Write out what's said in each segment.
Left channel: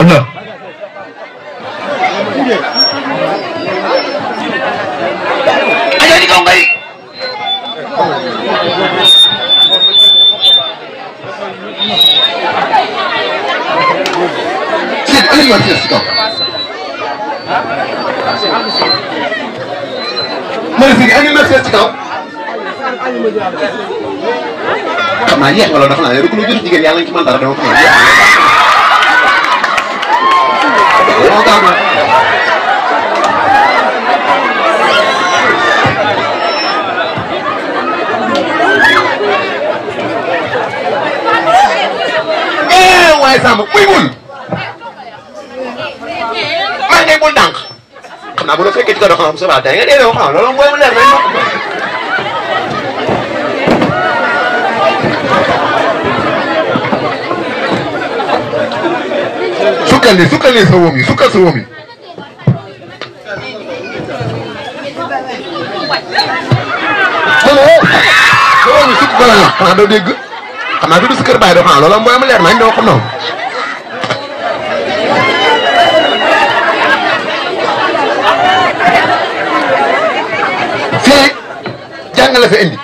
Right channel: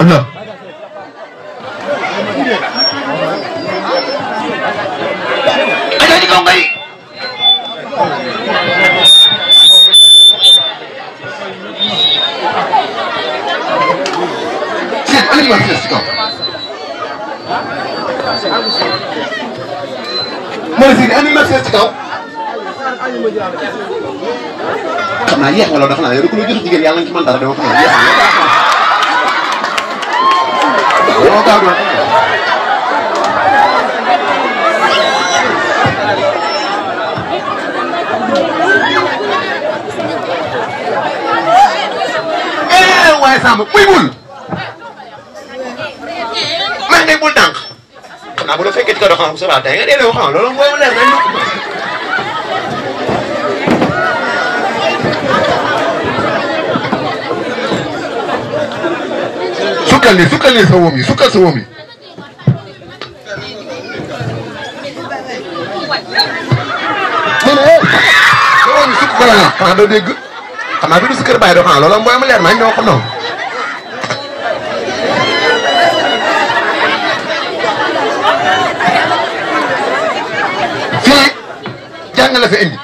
Allah aja di kau ngai sit ini masih kau masih ini masih kau xam naa yéex nga loolu dafa naa ne rek lu jot jigéen yàlla nañ ci mën dara dama ko mën yéex moo gaaw na waaye Samba muy muy man de bul ndànk xam naa bu la fekkee ci ko doon xam sa baat da nga dee wax xam loolu mooy mu leer nañ sukkal sa woom yi sukkal sa woom yi ma ne sa woom yi sukk gën a xanaa doo dégg xanaa du si kër bàyyi doo xanaa loolu mooy ma leer nañ doo xam noonu fii jàng la fa indi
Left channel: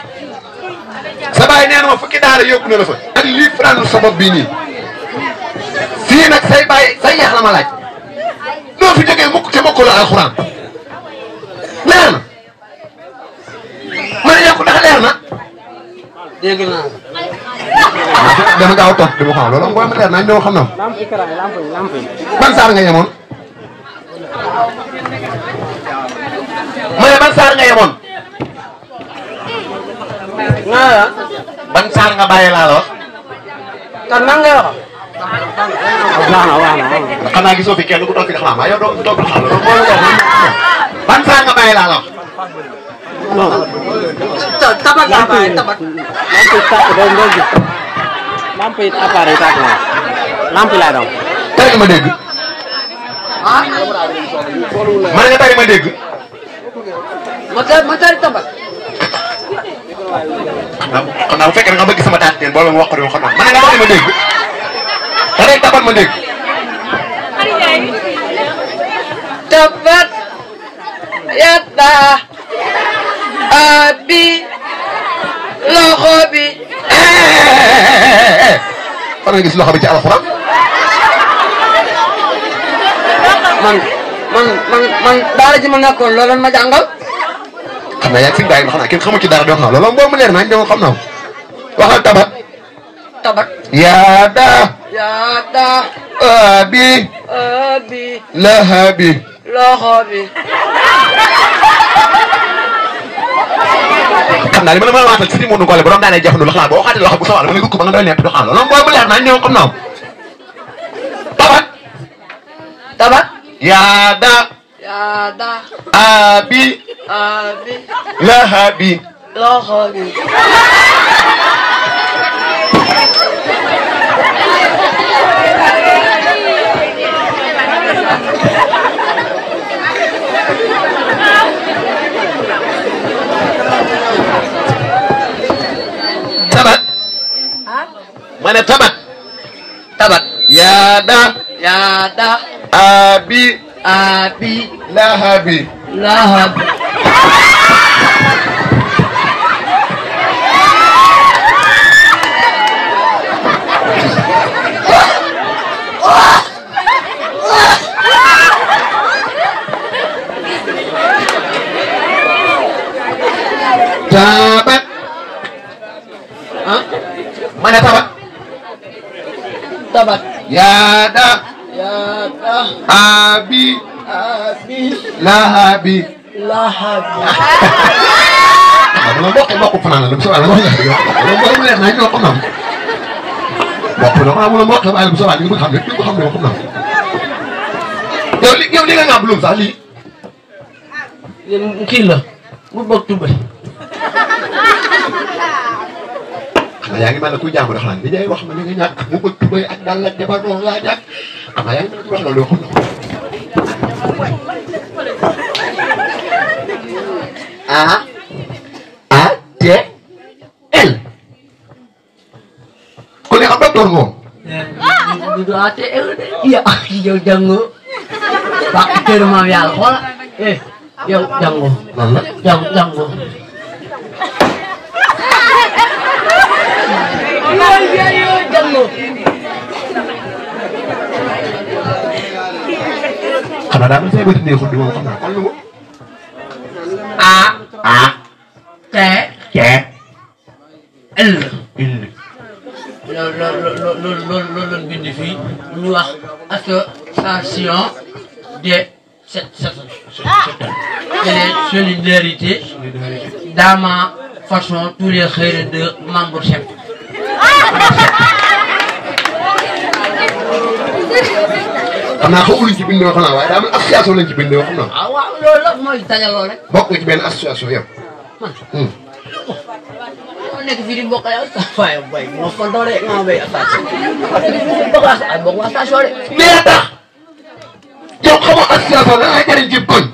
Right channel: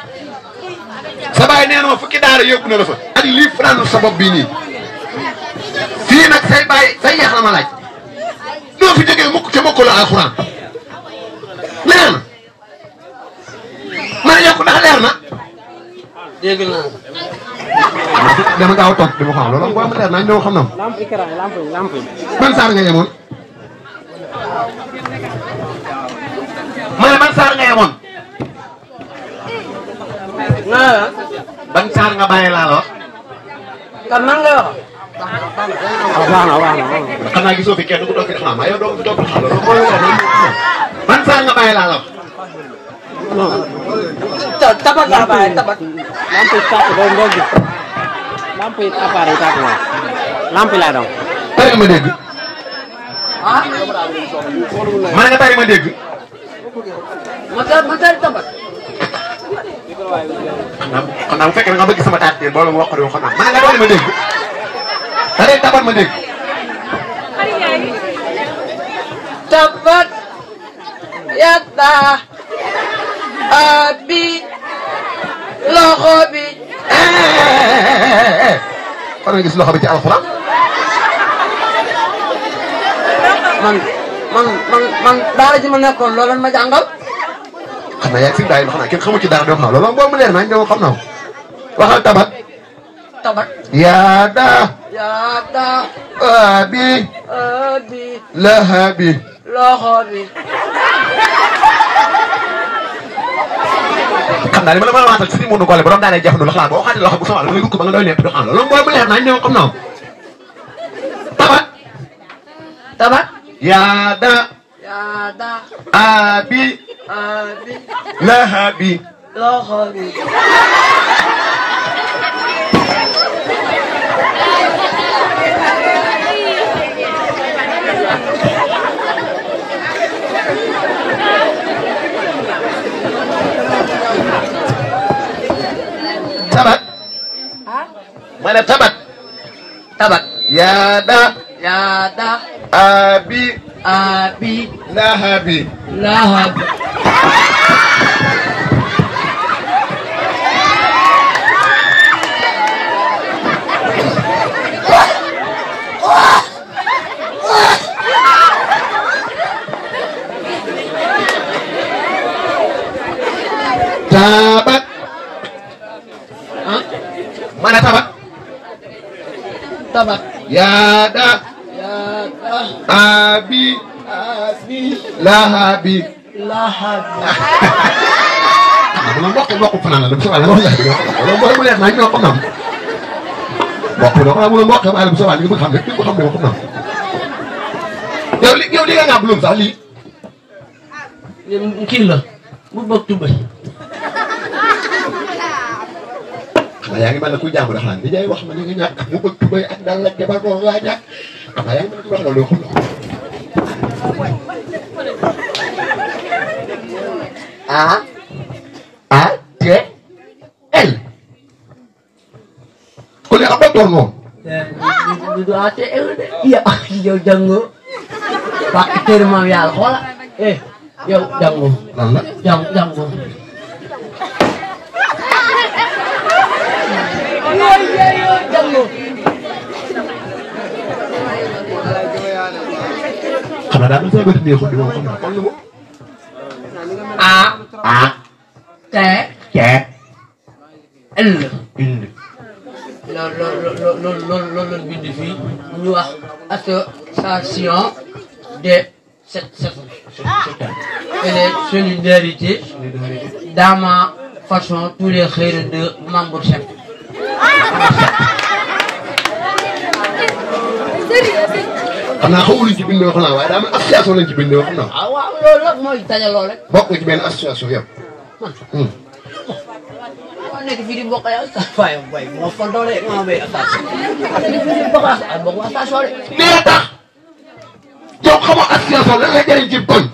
sa baay nee na ma fukki daara yóbbu na la fa ak lii franc sa bopp bii nii fii nag say baay say yeex la ma laaj doo fi jógee mukk te mokk la alxuraan leer na ma ne yokk ndax leer na dégg naa dana gaaw toog dama xam loolu booy ma leer nañ doo xam na lamp yi ban saar nga yemoon ma ne ban saar nga yemoon naa ban saar nga bàyyi laa la wax kan nan nga wax baax na xanaa gisoo fi kenn ku toog fi def naa yow doo fi toog xam loolu mooy leer nañ ban saar nga bàyyi laa la wax non tabat laa bàyyi tabat lamp yi tàkk doo gis lamp yi appareil tàkk ma lamp yi laa doon tari ma dégg ma ne nga tari ma dégg ma tari tabat xanaa bu fekkee nga bëgg sama taat boole ma wax ko xam naa ma ne nga tari ma dégg tari tabat ma dégg tabat yadda abi loxo bi fan nga gis loxo bi ci alxuraan man daara ji ma nekkoon loolu ma jàngal xam naa yaa ngi fi daay xam naa kenn xamu ci dara doo xam loolu moom mu leer nañ doo xam na waxal tabat tabat yaada abi lahabi loxo bi xam naa li ma la mën a waxal si ni mu nu gole borom daanee jafandu la xalaat boo waxaatee loxo bu sawal dama lay gukk ba nga doy nepp doo xam loolu moom mu leer nañ doo xam na tabat yaada abi lahabi loxo bi tabat ma ne tabat yaada abi lahabi tabat mana tabat yaada abi lahabi belum bok pernah lu soal lo belum lihat naik lo pernah bok belum bok sama lu soal itu xam do pernah yow li nga belum sali kii la mu bokk tubay yaa ngi mel ne kuy jàng dafa naan li ngay wax ma li nga ñàkk mu bëgg tubay ak dal la jabar doon laa ñàkk xam yaa ngi mel ne kuy wax loolu yoo xam A-T-L kon ne xam docteur moom du ATL de iya yow jàngoo bàq kër maam yàlla xoola yow jàngoo lan la jàngoo yow jàngoo xanaa daa mel say bët neexul di moom xam naa kon lu mu A T L loolu la bind fii ñu wax association de solidarité dans ma façon tous les xëyra de membres chef xam naa xaw luñ ci bindoo xam naa waaye daa mel association lañ ci bindoo xam naa waaw loolu la mooy dajaloo rek bokk ci benn association yëpp nekk fii di bokk ay station bay moo fontoo de nga bay station bokk station de mais tax yow xamoo association lan lay jëriñ ci koñ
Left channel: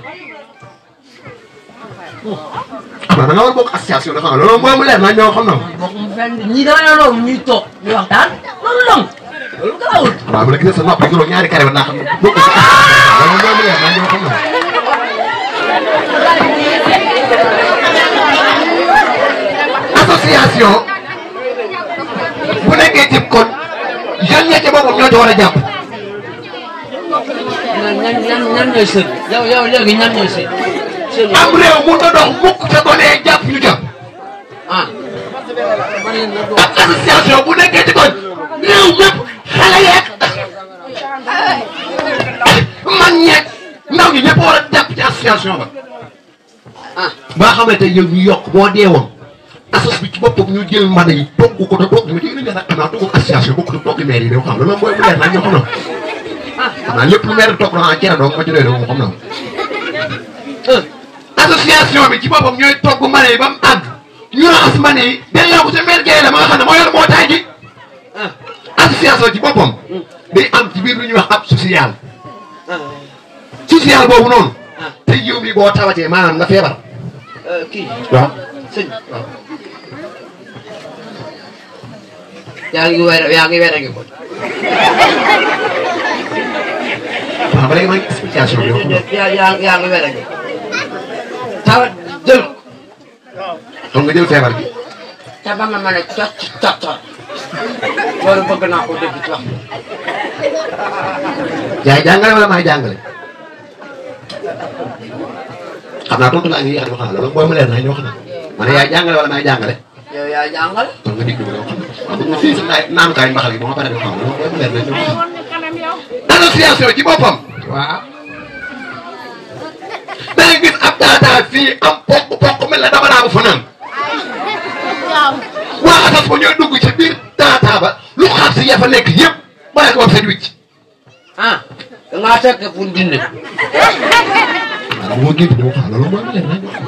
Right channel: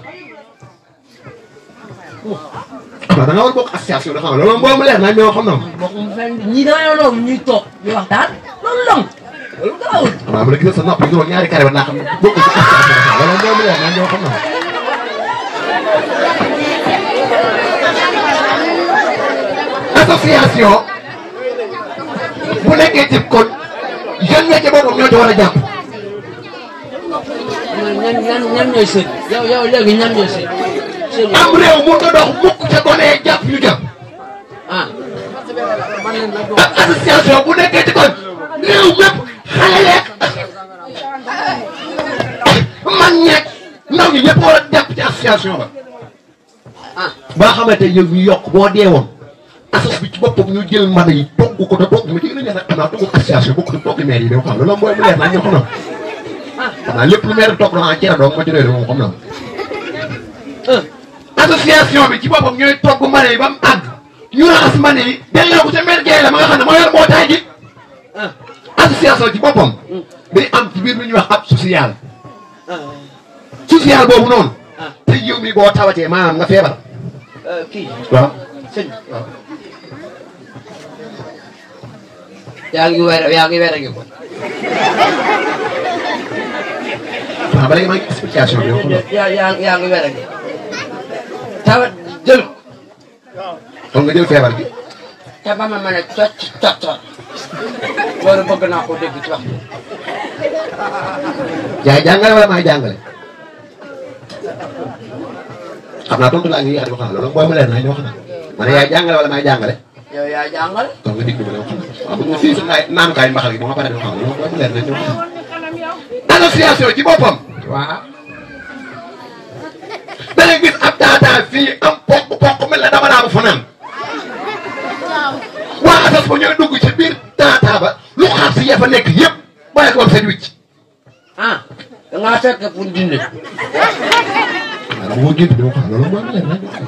xam nga da nga war a bokk association da xam nga loolu moom mu leer naa ñoo xam na bokk fenn ñi dama ne loolu ñuy toog ñu waxtaan loolu dong loolu garawul waaw bu la gisee sa nopp yi ñaari carré ba naa xam ne bokk ci association loolu moom mu leer naa ñoo xam na association bu nekkee ci kon jeune ña ca boppam ñoo ci war a jàpp. ñan ñooy sën. yow léegi ñan ñooy sën. am réew mënut a dox mukk te gone jàpp ñu jàpp. ak association bu nekkee ci kon réew mépp xale yeeg man ñeeg ndaw ñi ñëpp war a jàpp ci association ba. ba xamante yow ñu yokk boo deewoon. asos bi ci boppam ñu jël mbana yi togg ko te togg ma ci indi nag xanaa togg association bokk na togg maire yi de xam loolu mooy mu leer naa ñoo xam na xanaa lépp lu maire togg na cere doog ma ci doy doog xam na association bi ci boppam ñooy togg mbana yi ba mu àgg ñu raxas mbana yi delloo ko sa maire Guèye la ma nga xam ne moo yor mbootaay gi association ci boppam day am ci biir lu ñuy wax ab social social boobu noonu te yow mi boo tawatee maanaam nga feebar kii waaw sëñ waaw yaa ngi weer a ngi ko. waaw ba léegi maa ngi explication bi. yaa ngi weer a ngi. tawat jël ko. kon nga jël feebar gi. te ba ma mën a cocc loolu bëgg naa ko dégg ci wax bi. yaay jàngale wala maay jàngale. xam naa tontu laa ngi yéex a di ko xam loolu booy mu leer naa ñoo xam ne. ma ne yaay jàngale wala maay jàngale. yow yaa jàngale. kon nga digg bi la waaw bu ñu fii si naanukaay mbaxal yi ba ma pare di ko xam loolu booy mu leer naa ñoo xam. association ci boppam. waaw. da ngay gis ab taataa fii am pokk mel na dama naa bu fanaan. waa asas ba ñooy dugg ci biir taataa ba lu xaar si ya fa nekk yëpp bàyyi ko woon seen wicc. da ngaa fekk pour dindi. waaw bu ma gént dama xam loolu mooy mu leer naa ñoo xam.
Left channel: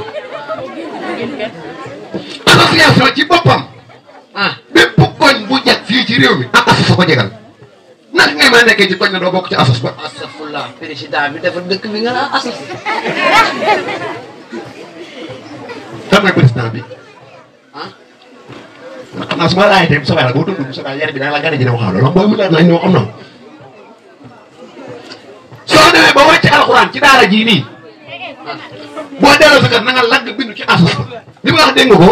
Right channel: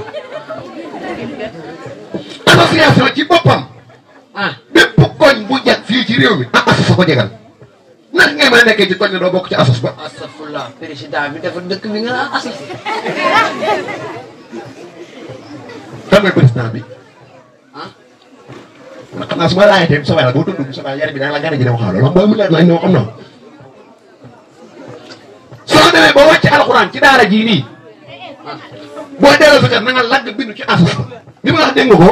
association ci boppam. bépp koñ bu jag fii ci réew mi am asos ko jegal. naka ngay mën a nekkee ci koñ ne doo bokk ci asos ba. astafurlah président bi dafa dëkk bi nga naan asos. kan mooy président bi. ndax xam naa su ma laajee tey bu soobee la boo tudd bu soobee yar bi dana la gane ji ne waxaa loolu mooy mu leer naa ñoo xam noonu. soo demee ba wàcc alxuraan ci daara jii nii. boo delloo sa kër na nga lagg bindu ci asos ba. li ma wax dégg nga ko.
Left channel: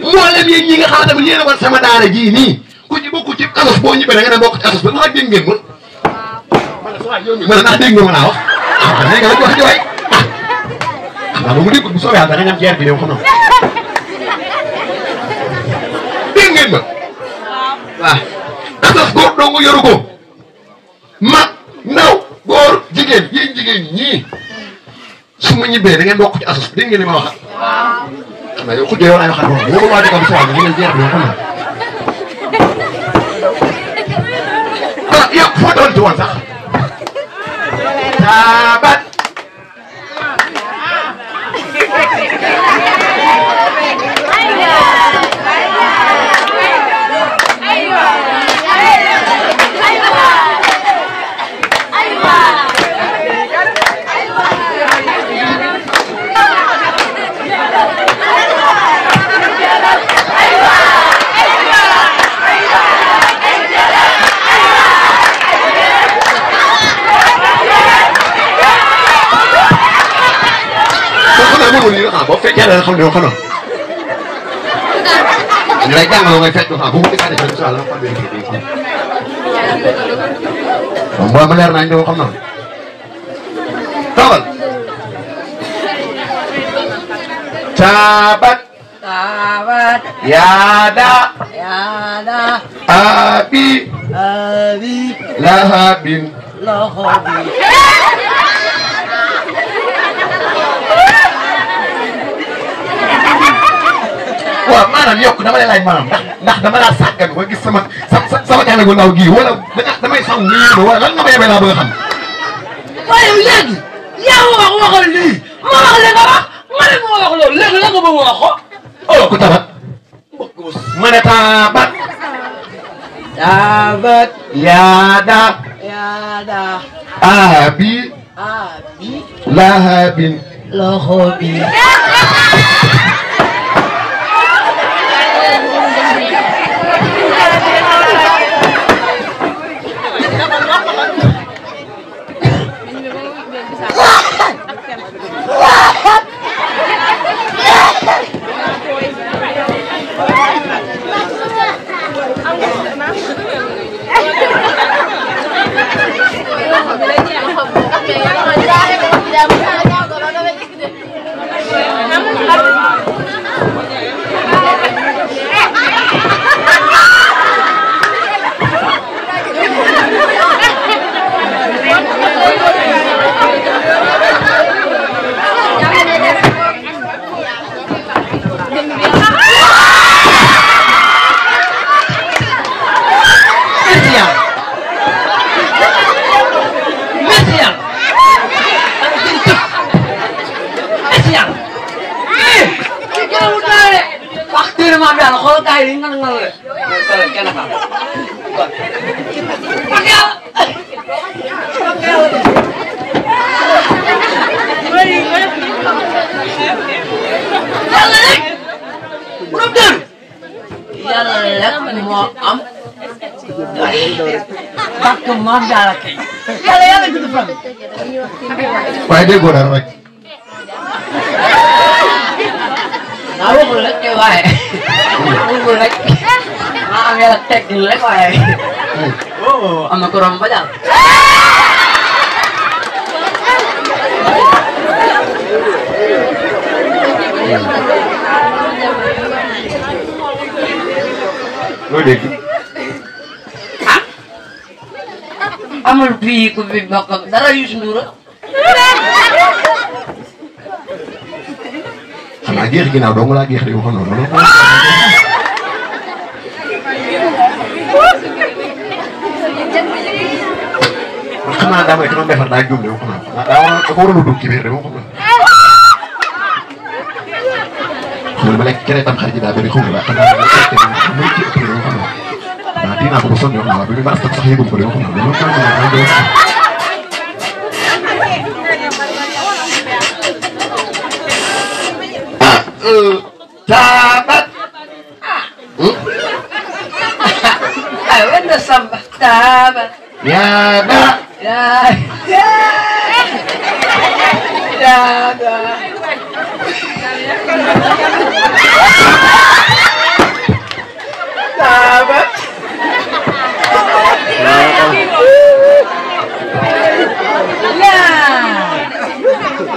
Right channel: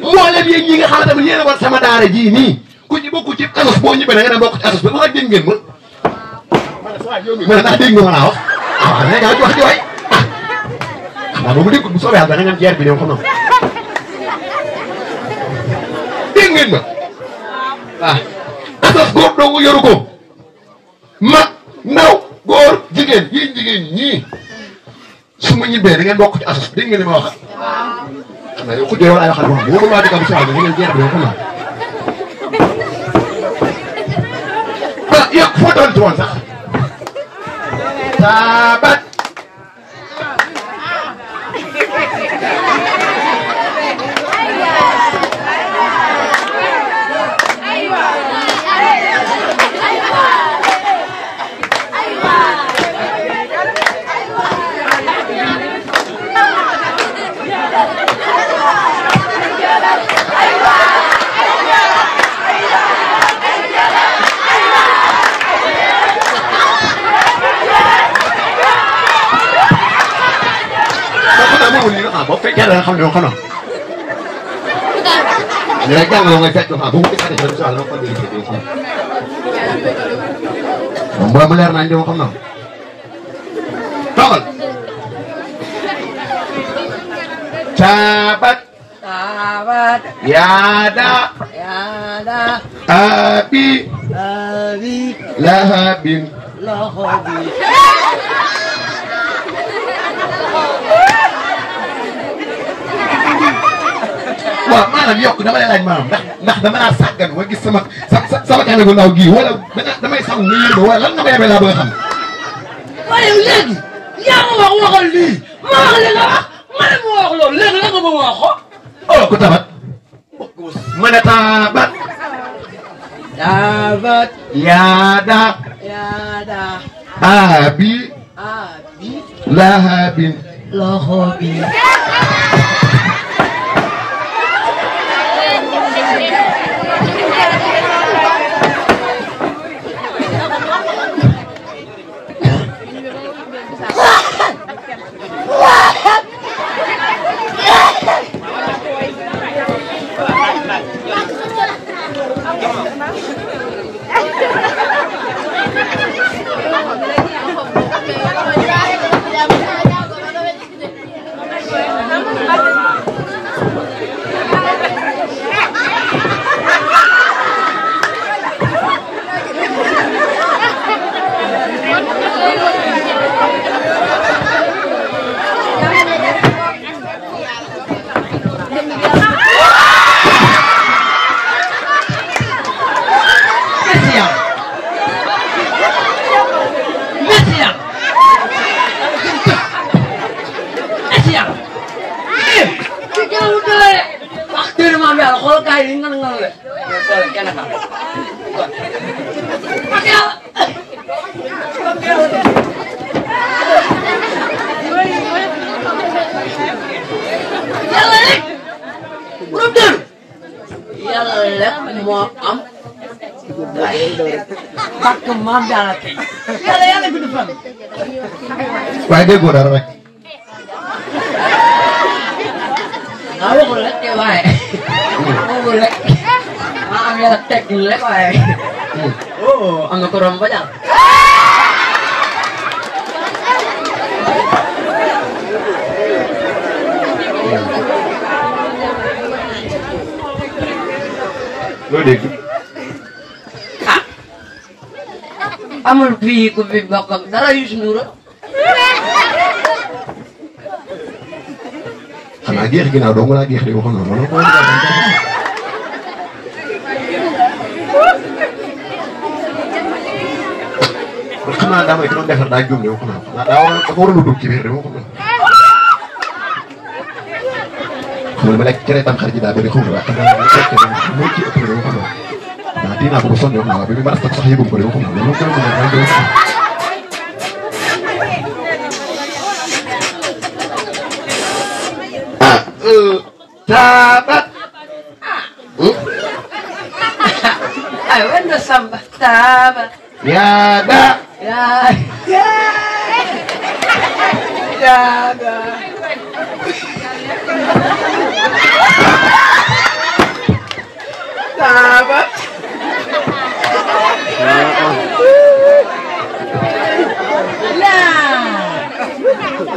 mboolem yéen ñi nga xamante ne yéen a war sama daara jii nii. ku ci bokk ci asos boo ñibbee da nga dem bokk ci asos ba ndax dégg ngeen ma. ma ne ndax dégg nga ma laa wax. ah nee nga wax ji waay ah. ndax moom mu dégg bu soobee yàlla da nga ñam jeer bi de xam na. dégg ngeen ma. waaw. asos góor dong yoru ko. mag ndaw góor jigéen yéen jigéen ñii. su ma ñibbee da ngeen bokk ci asos dégg ngeen ni ma wax. xam nga yow ku yow laay waxal moom bu ma waa dëkk bu soobee da ngeen jeer bi xam na. yow foo doon ci woon sax. Sabat. fekkee da nga xam ne yow xanaa ñu lay jàngaloo ngay fekk xam bu mu defee rek incha allah xam ngeen ko dégg xam nga ma leer naa ñu xam naa tawal Sahabat Yada Abi Lahabin waaw maanaam yokk dama lay laaj maanaam ndax dama laa sàggan ba gis sama gànnaar gu ndaw gii wala damay saw nga yéeme wala lan nga ma yebee laa bëgg a xam. waaye léegi yaa ma wax waxal lii ma wax li nga wax ma ne ma wax loolu léegi la nga bëgg wax ko. oh ku tabat. ma ne tabat. tabat. yaada. abi. lahabin. lahabin. waaye déggoo dara rek. ah waxul rek waaye waxul rek ah am yàlla teg rek waaye oh am na ko romb ba jàll. loo dégg. ah amul fii ku fi bokk ak dara Youssou Ndour xanaa géex ginnaaw dong laa géex de waxoon na loolu. man xam naa daa may ki doon defar daa juum de waxoon naa xanaa daa war a dugg ci biir de waxoon naa. man ma lekk cere tam xarit ji daa bëri xaw ma la xam naa mooy ci ëpp de waxoon naa. waaw tii naa ko ba sonn wax naa waaw bi mu baax sax yëgul ko de waxoon naa loolu mooy mën naa doon. Tabat. ay wenda samba tabat. Yada. Yada. Tabat. Ya.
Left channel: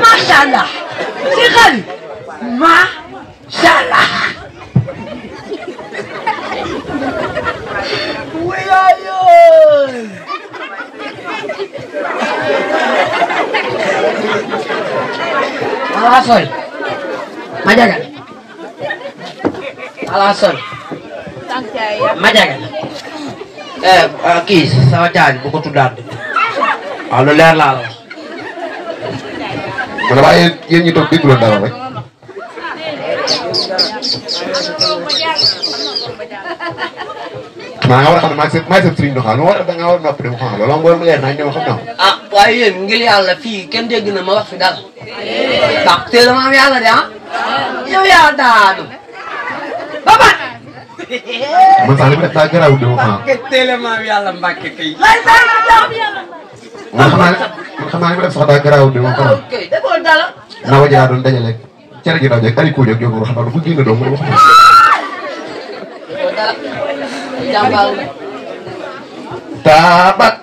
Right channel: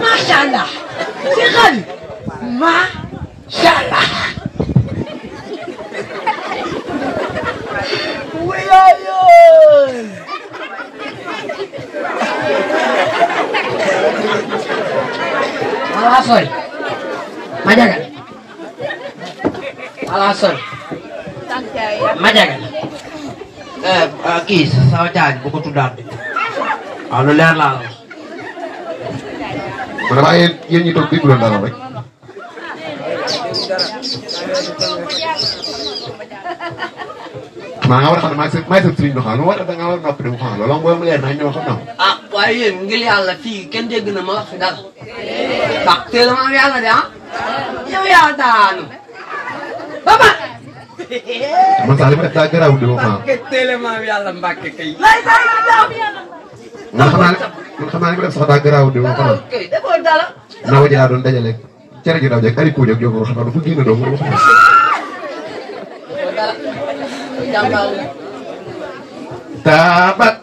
Masyaallah. Sekali. Masyaallah. Alasan, majakan. Alasan, majakan. Kis, sama jangan buku tudan. Lalu leer lah. Mana baik yang itu di bulan dalam rek. Maa war a xam ne maa ngi sëriñ doxal ma war a da nga war a noppi dem xam loolu booy mu leer naa ñëw xam naa. ah waaye yéen ngir yàlla fii kenn dégg na ma wax fi dara. ndax teel a ma am yàlla de ah. yow yaa daanu. ba ba. man sax li ma def daa garaaw di ma xam. teel a ma am yàlla mbàkke kay. lay saa yu jaaw bi yàlla. man xam naa li ma def sax daa garaaw di ma xam. ok defoo dara. naa wajaa doon dajale cere ji daal ay kuuñ ak yow xam naa du ko génne doo wax jàmbal taabat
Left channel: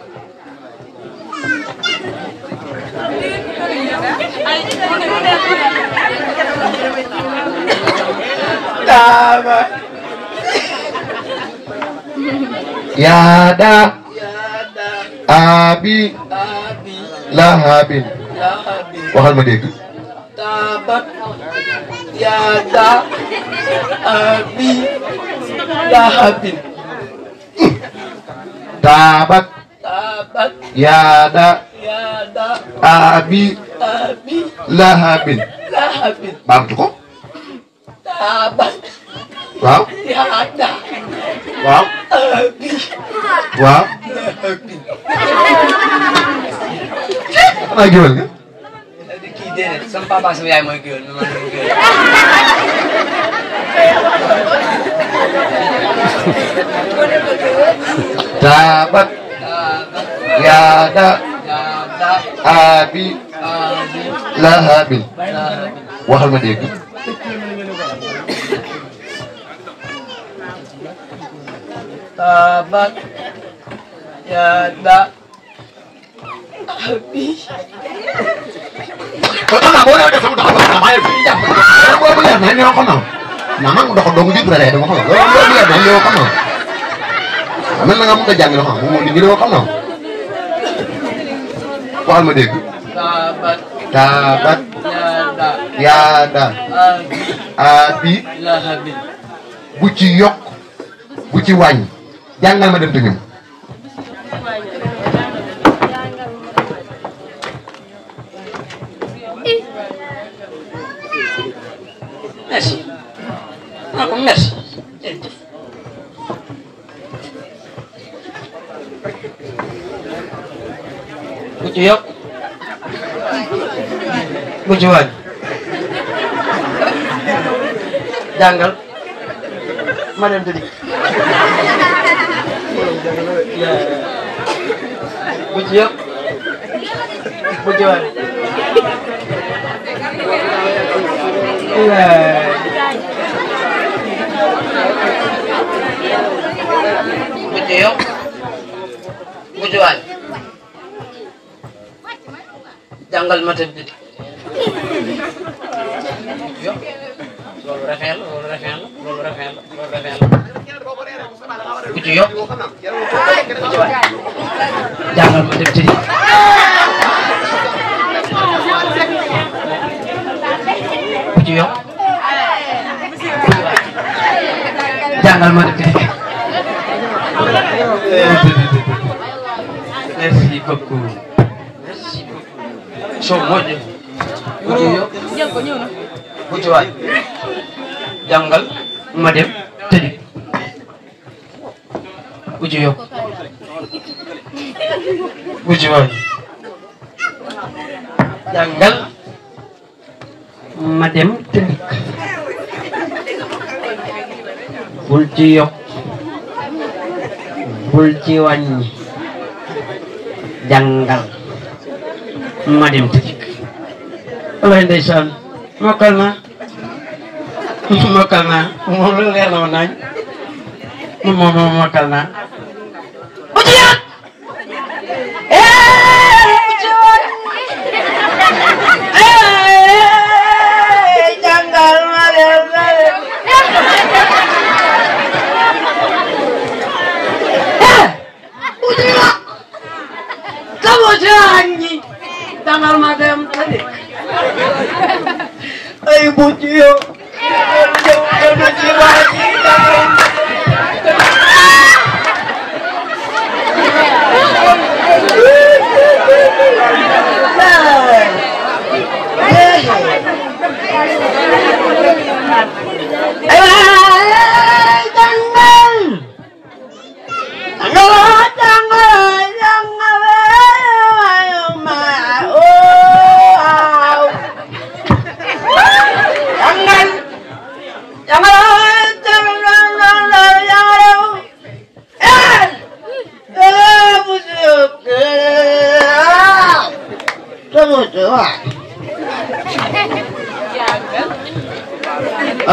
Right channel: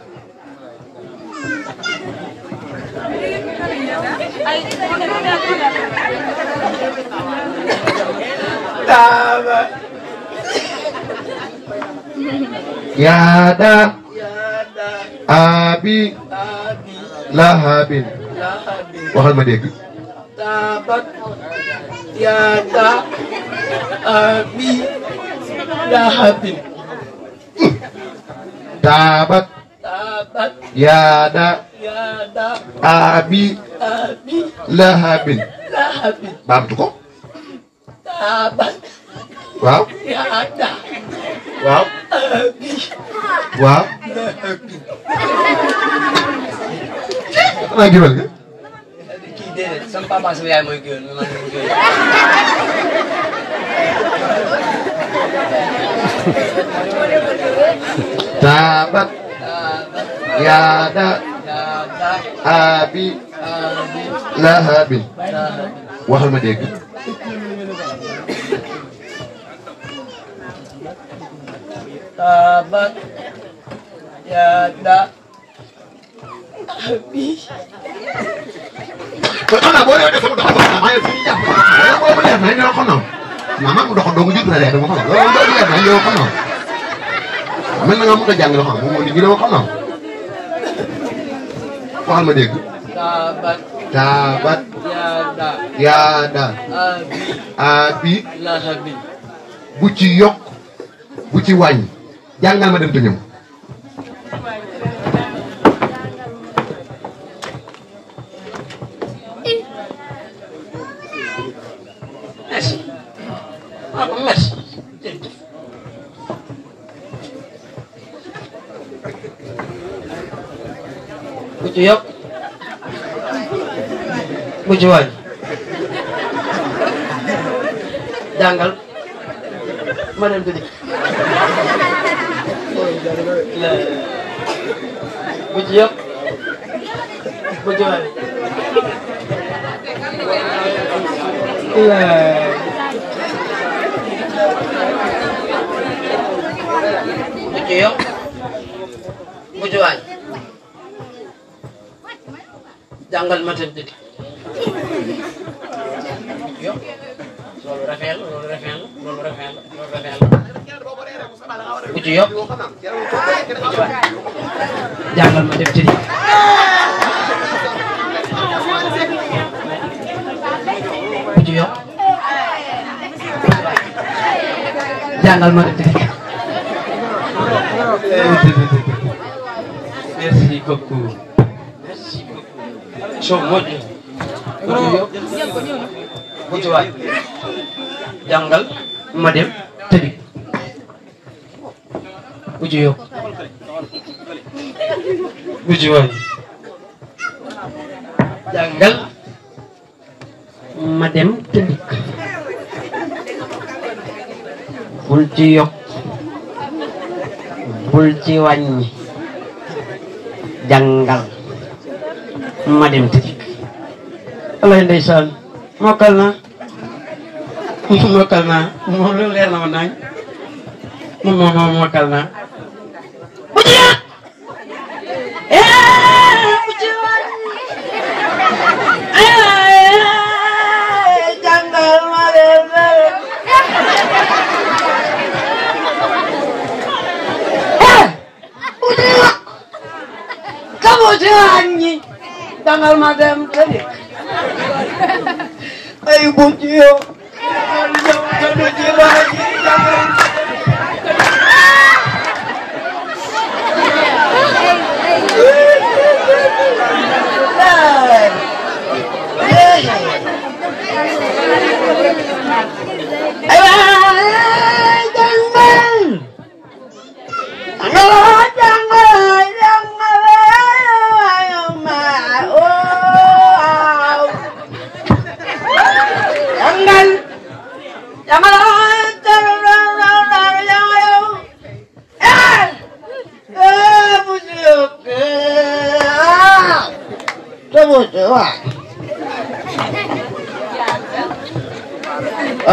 taabat yaada yaada abi abi lahabin lahabi waxal ma dégg taabat yaada abi lahabin taabat taabat yaada yaada abi abi lahabin lahabin baamtu ko taabat waaw yaada waaw abi waaw lahabin xanaa géwél nga kii déedéet sama papa sama yaay mooy géwél mais man mooy géwél taabat taabat yaada yaada abi abi lahabin lahabin waxal ma dégg taabat yaada abi xanaa boo demee sama doxal ma maa ngi fi jàpp boo bëggee naa ñoo xam naa maa ngi doxal doomu jiitu la dee dama xam loolu boo bëggee naa ñoo xam naa mel na nga mën a jàng loo xam moom moo di ñu xam naa waxal ma dégg taabat taabat yaada yaada abi abi lahabin bu ci yokk bu ci wàññi jàngal ma dem te ñëw merci merci bu ci yokk bu ci wàññi jàngal ma dem tëddi bu ci yokk bu ci wàññi bu ci yokk bu ci wàññi jàngal ma dem tëddi yokk loolu rafet la loolu rafet la loolu rafet la loolu rafet la bu ci yokk bu ci wàññi jàngal ma dem tëddi bu ci yokk bu ci wàññi jàngal ma dem tëddi merci beaucoup merci beaucoup so moƴƴo bu ci yokk bu ci wàññi jàngal ma dem tëddi bu ci yokk bu ci wàññi jàngal ma dem tëddi bul ci yokk bul ci wàññi jàngal ma dem tëddi alay ndeysaan mokkal naa mokkal naa moom lu leer na ma naañ moom mokkal naa bu ci yàq bu ci wàññi jàngal ma dem bu ci yàq ka bu ci wàññi jàngal ma dem tëddi ay bu ci yàq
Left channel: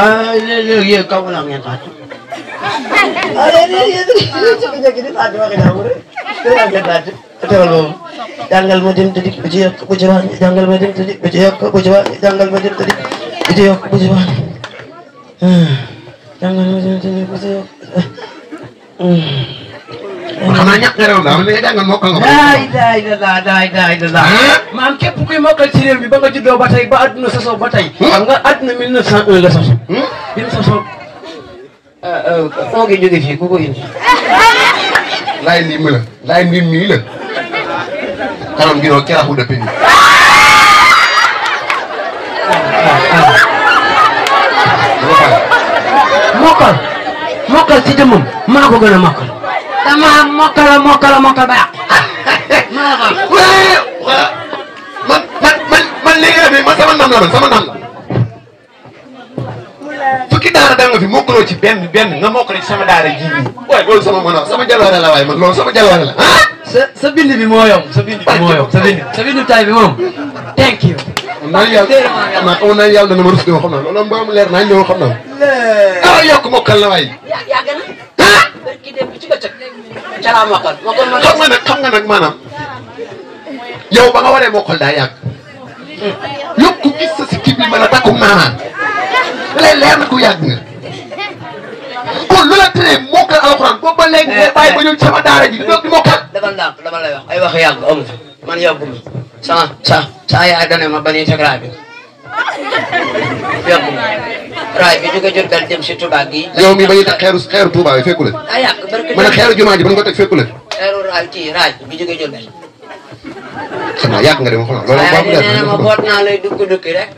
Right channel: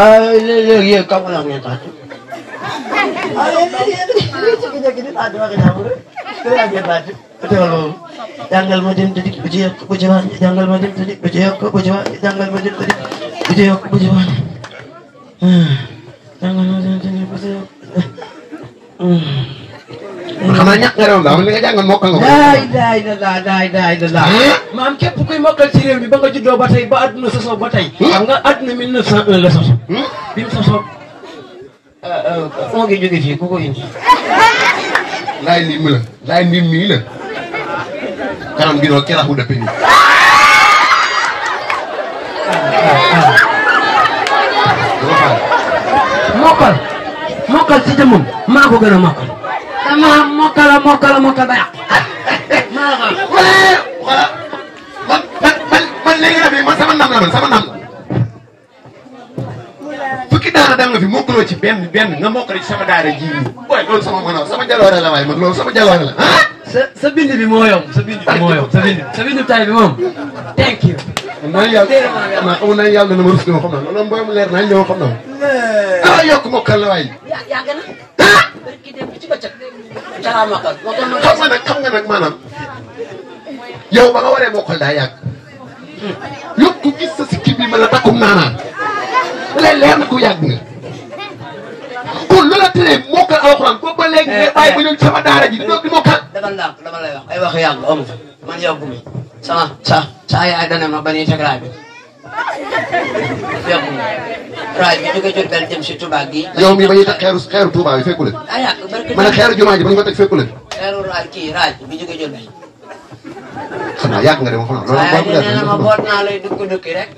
léegi yéen kaw la ngeen taat. jàngal ma dem tëddi bu ci yokk bu ci wàññi jàngal ma dem tëddi bu ci yokk bu ci wàññi jàngal ma dem tëddi bu ci yokk bu ci wàññi jàngal ma dem tëddi bu ci yokk. xanaa ñàkk nga réew daa nga jàngal mokkal nga. daay maam képp kuy mokkal ci réew mi ba nga juddoo ba tey ba adduna sosoo ba tey. xam nga adduna 1901 la soso. bi mu sosoo. foo ngi jóge fii ku ko indi. laay ndim mi la laay ndim mii la. kanam gi noonu keraaxu dëpp nii. dama fay. mokkal ci jëmmam maa ko gën a mokkal. dama mokkal ba yàq. maa la man léegi man sama ndam la sama ndam la. fukki daara da nga fi mokkaloo ci benn nga mokkale ci sama daara ji nii. waaye loolu sama jaloore la waaye man loolu sama jaloore la ah. sa bind bi moo yomb sa bind tay bi moom. thank you. xamoon naa yàlla dana ma rus ñëw xam naa loolu moom leer naa ñëw xam naa. ah yokk mokkal la waaye. yàgg na. ah. ki dem ci bëccëg. ca laa mokkal ma. xam nga nag maanaam yow ba nga waree mokkal daa yàgg. yokk gis sa si kii bi ma la takkum naanaan. leer na ku yàgg nga. kon lu la tëree mokkal alxuraan ko ba léegi ngay bàyyi ba ñëw ci sama daara ji di mokkal. dama lay wax ay wax yàgg amu man yàgguma sa yaay dana ma ba ñuy teg raay bi yàgguma raay bi jóge Jurbel dem si Touba gi. yow mii ba ñuy teg xeeru Touba yi fekku la. ah yàgg barke ma ne xeeru jumaa ji ba ñu ko teg fekku la. xeeru raay bi jóge Jurbel. xam naa yàgg nga dem xam naa loolu baax na ma boot naa lay dukki rek.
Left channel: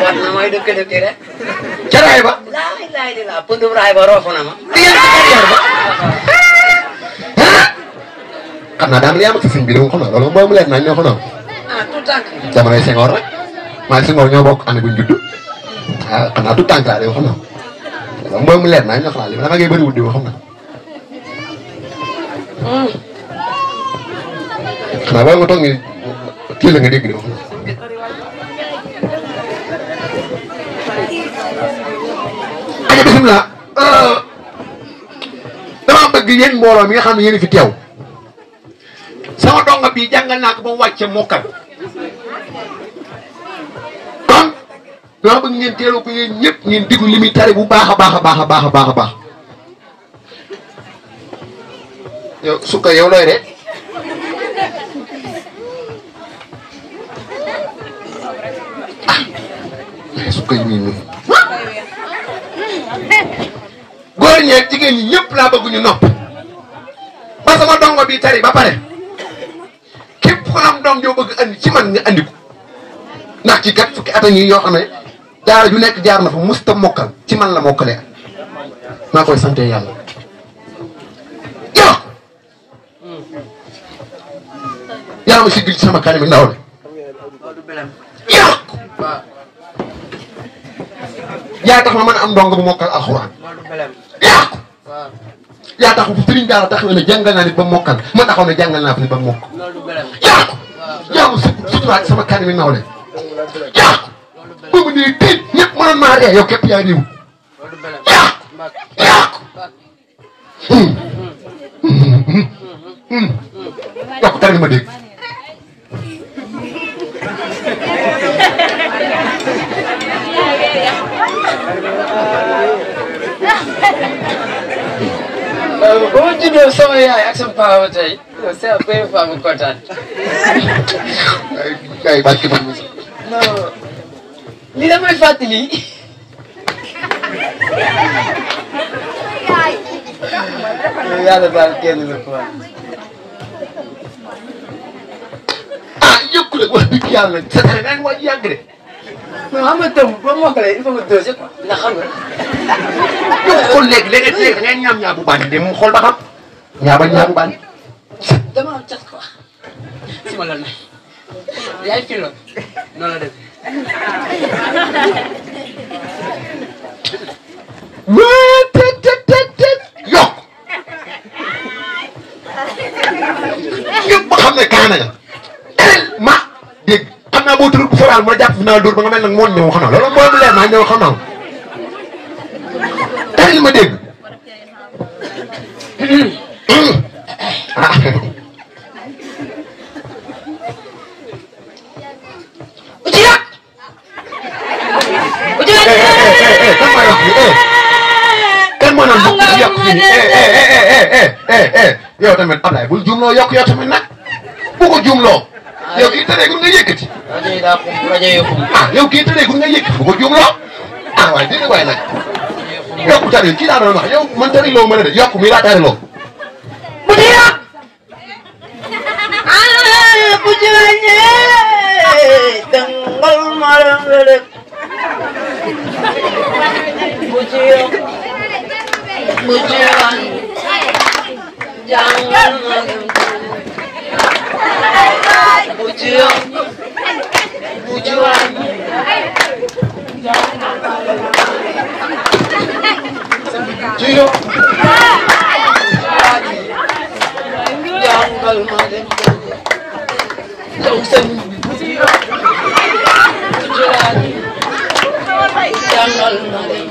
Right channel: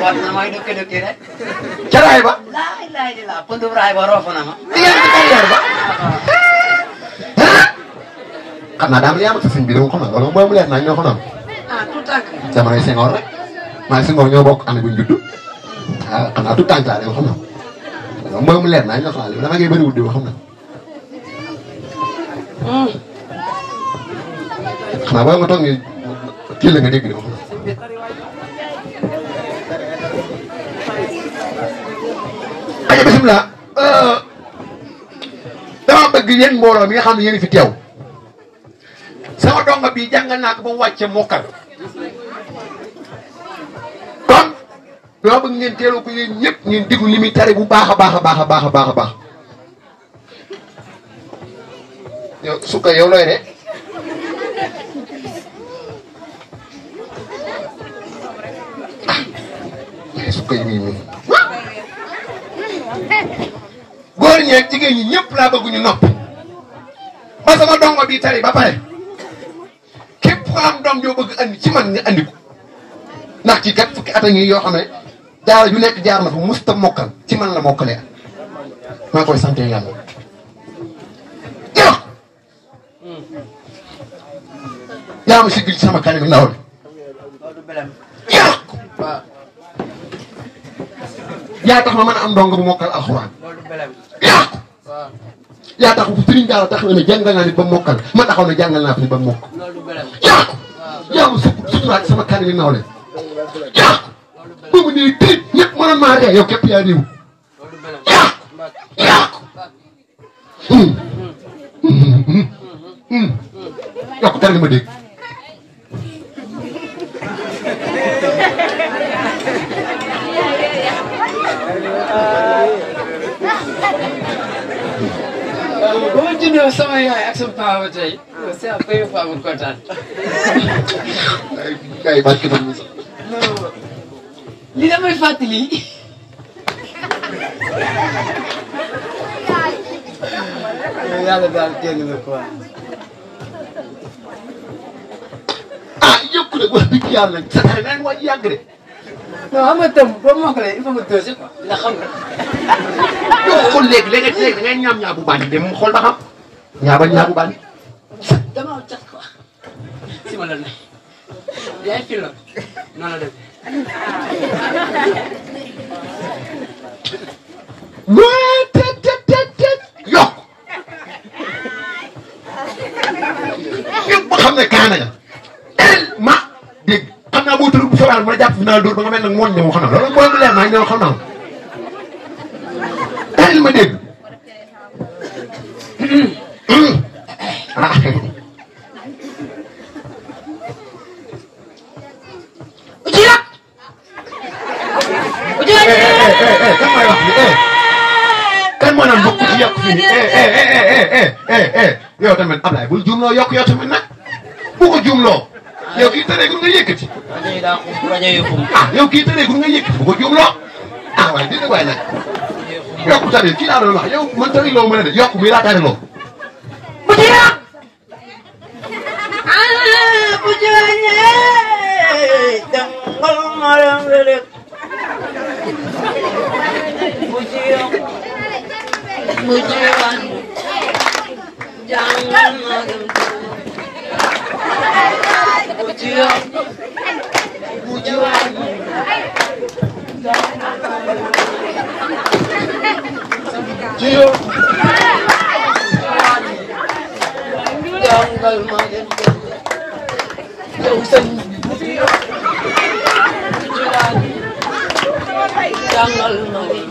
boot na mooy dukki rek. ca raay ba. laay di la pëndum raay ba roofu na ma. di ngeen ci carrière ba. xam naa daal yaa ma sa sëñ bi de xam naa loolu moom leer naa ñoo xam naa. tout tànk. jamonoy Senghor rek maa ngi Senghor ñoo bokk année bu ñu judd. ah xam naa tout tànk laa de xam naa. loolu moom leer naa ñoo xam naa li ma ngay bëriwul di xam naa. xanaa booy nga toog nii kii la nga dégg de wax na. aja bisimilah. dama bëgg yéen mbooloo mi nga xam ne yéen fi teew. sama donga bii jàngal naa ko ba mu wàcce mokkal. kon dama bëgg ngeen teeloo ko yéen ñëpp ngeen diggu li muy tari bu baax a baax a baax a baax a baax a baax. yow sukka yow looy de. sukka yi muy ñun. góor ñeeg jigéen ñi ñëpp laa bëgg ñu nopp. ba sama dongo bi tari ba pare. képp ko am doom joo bëgg andi ci man nga andi ko. ndax ci kat fukki at a ngi yoo xam ne daara ju nekk jaar na fa musta mokkal ci man la mokkalee. maa koy sante yàlla. yow. yaa ma sigil ci sama kanam ndaw la. yow. yaa tax ma mën a am ndongo bu mokkal alxuraan. yaa ko. yaa tax sëriñ daara tax na ne jàngal naa nit ba mokkal ma taxaw ne jàngal naa fi nit ba mokk. yaa ko. yaa ma suturaat sama kanam ndaw la. yaa ko. boobu nii tey ñëpp mënoon maa ree yow képp yaa réew. yaa ko. yaa ko. yaa ko tere ma dégg. waaw ba ma juddoo sama yaay ak sama papa tey c'est la première fois ma kontaan. ay barke ba non lii la may fàttali. yàlla baal kenn la quoi. ah yëkku la wax dëgg yàlla sa xel daa ngi waaj yàgg de. non xam nga tëm boo mokkalee il faut nga doose quoi ndax xam nga. yow xool léegi da ngay ñaam ñaar bu bandi de mu xool ba xam. ñaar ba ñaar bu bandi. dama cat quoi. si ma la ne. yaay fi lool noonu la def. yokk. ñëpp ba xam ne kaana nga. ma dégg xam naa boo tëral bu soobee ma jàpp fi naa dóor ba nga mel nag moo ñëw xam naa loolu mooy mu leer naa ñëw xam naa bàyyil ma dégg ah kan moo naan bu yokk fii yow tamit Ablaye bul juumloo yokk yow tamit nag bu ko juumloo yow kii tëreegul nga yëkkati yow kii tëreegul nga yëkkati bu ko juumloo ah waaye dégg nga waaye nag yokku tari kii daa doon wax yow man tari loo mën a de yokku mi laa tari loo bu ci yàq bu ci wàññee dangal ma rek bu ci yokk bu ci wàññi jàngal ma dem bu ci yokk bu ci wàññi ci yow jàngal ma dem yow sëñ bu ci yokk bu ci wàññi jàngal ma dem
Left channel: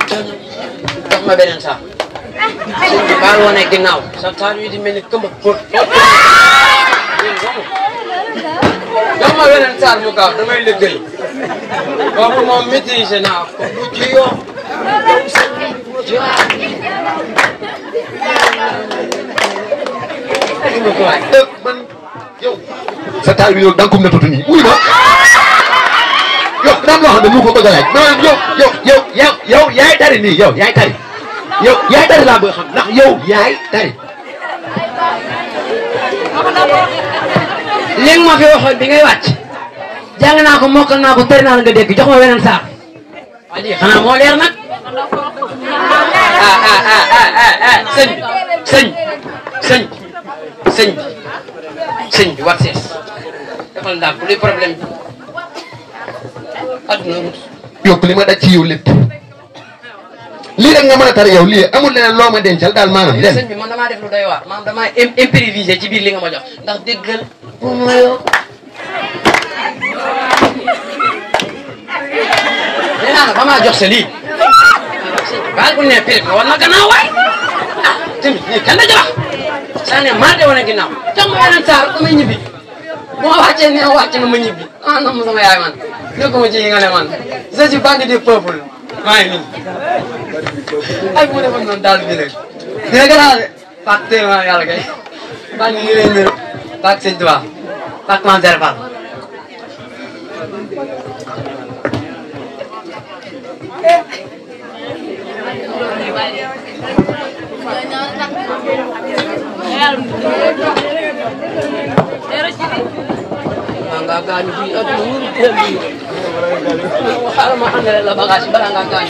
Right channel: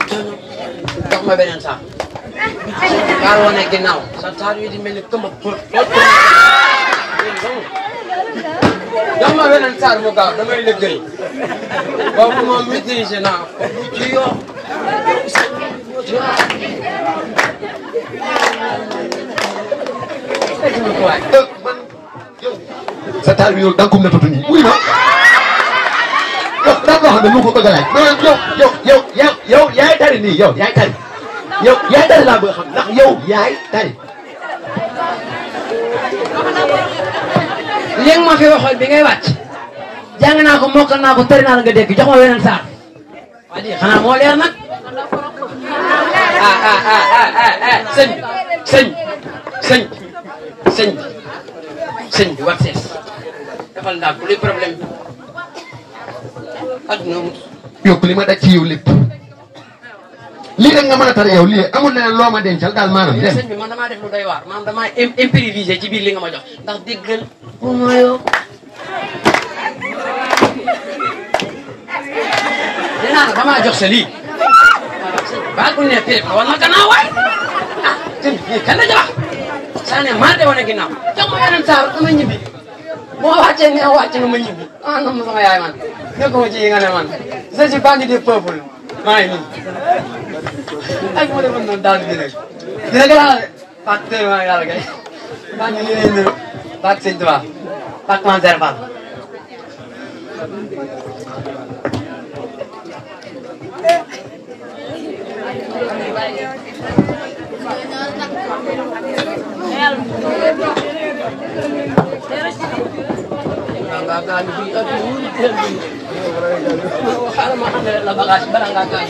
jox ma beneen sax sëñ bi baa woone ginnaaw sa taar wi di mel ni këmb góor jox ma beneen saar mu gaaw damay liggéey boobu moom maîtrisé naa ko bu ci yoo sa taal bi yow da nga ko méttatu nii wuy ma yow daan loo xam ne mu ko bëgg a laaj mais yow yaay tari nii yow yaay tari laa bëgg a xam ndax yow yaay tari. léegi ma fi waxoon bi ngay wàcc jàng naa ko mokkal naa ko tëri naa la nga dégg jox ma weneen saar waa lii xanaa moo leer nag sëñ bi wat sees defal ndax bu luy problème bi adduna wut yokk li ma daj ci yow lépp lii rek nga mën a tari yow lii amul leneen loo ma dencal daal maanaam dem sëñ bi man damaa def lu doy waar maanaam damaa improvisé ci biir li nga ma jox ndax déggal bu ma yoo nee naa la ba maa jox sa lii baal bu ne pire wala ma gannaaw waay ah tamit lii kan la jabax saa ne maa de wane ginnaaw jox ma yeneen saar ma ñibbi moo wàccee ne wàcce nga ma ñibbi ah non sama yaay man nekkuma ci yi nga ne man je suis banque du peuple maa ngi nii ay moo defoon noonu daal di rek dégg naa de fàtte ma yàlla kay maa ngi nii leen niru bak sëñ Tuubaa bak man serfal nga gaañu fii ak lu xaaral ma àndale la bagage bala nga gaañu